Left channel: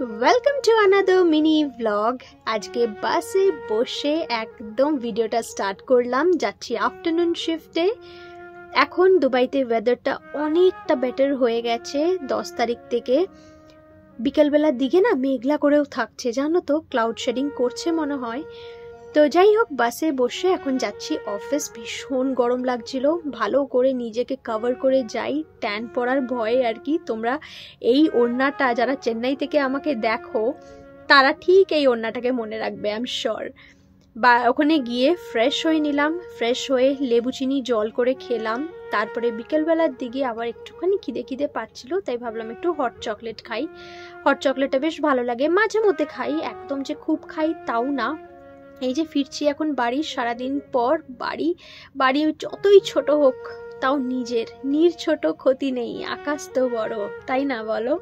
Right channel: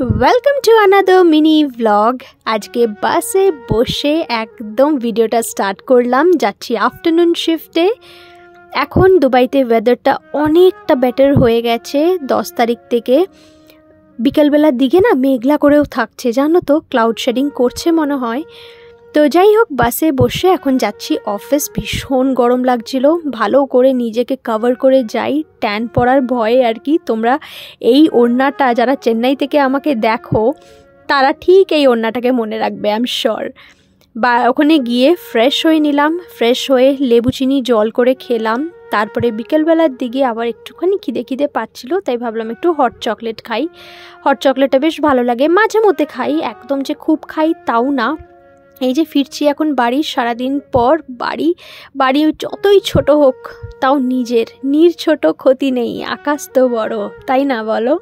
Welcome to another mini vlog. আজকে বাসে বসে একদম ভিডিওটা স্টার্ট করলাম। যাচ্ছি আফটারনুন শিফটে। এখন দুবাইতে ওয়েদারটা অনেকটা বেটার হয়ে গেছে। 10 তারিখ থেকে বিকেলবেলার দিকে না মেঘলা করেও থাকছে, জানো তো, ক্লাউড শেডিং করছে মনে হয়। তো যাই হোক, বাসে বসে এখন যাচ্ছি অফিস। ভীষণ গরম লাগছিল, ভালো করে নিজেকে কভার করে যাই, ট্যান পড়ার ভয়ে আর কি। তোমরা এই ওড়নাটা যারা চেন্নাই থেকে আমাকে দেখো তারা ঠিক এই ওড়নাটাকে মনে রাখবে, আই এম শিওর। বা ওখানে গিয়ে ফ্রেশ হয়ে নিলাম, ফ্রেশ হয়ে লেবু চিনি জল করে খেলাম। তারপরে বিকেলবেলার দিকে আবার একটুখানি খিদে পাচ্ছিল, তাই ভাবলাম একটু হট চকলেট খাই। হট চকলেটটা বেশ ভালো লাগে, মাঝে মধ্যে খাই, একদম যে খুব খাই তাও না। এই যে ফিরছি এখন বাড়ি, সারাদিন পর বাড়ি যতই ছোট হোক তাও নিজের ছোট ক্ষতি নেই, আকাশ তো বড়, তাই না বলো?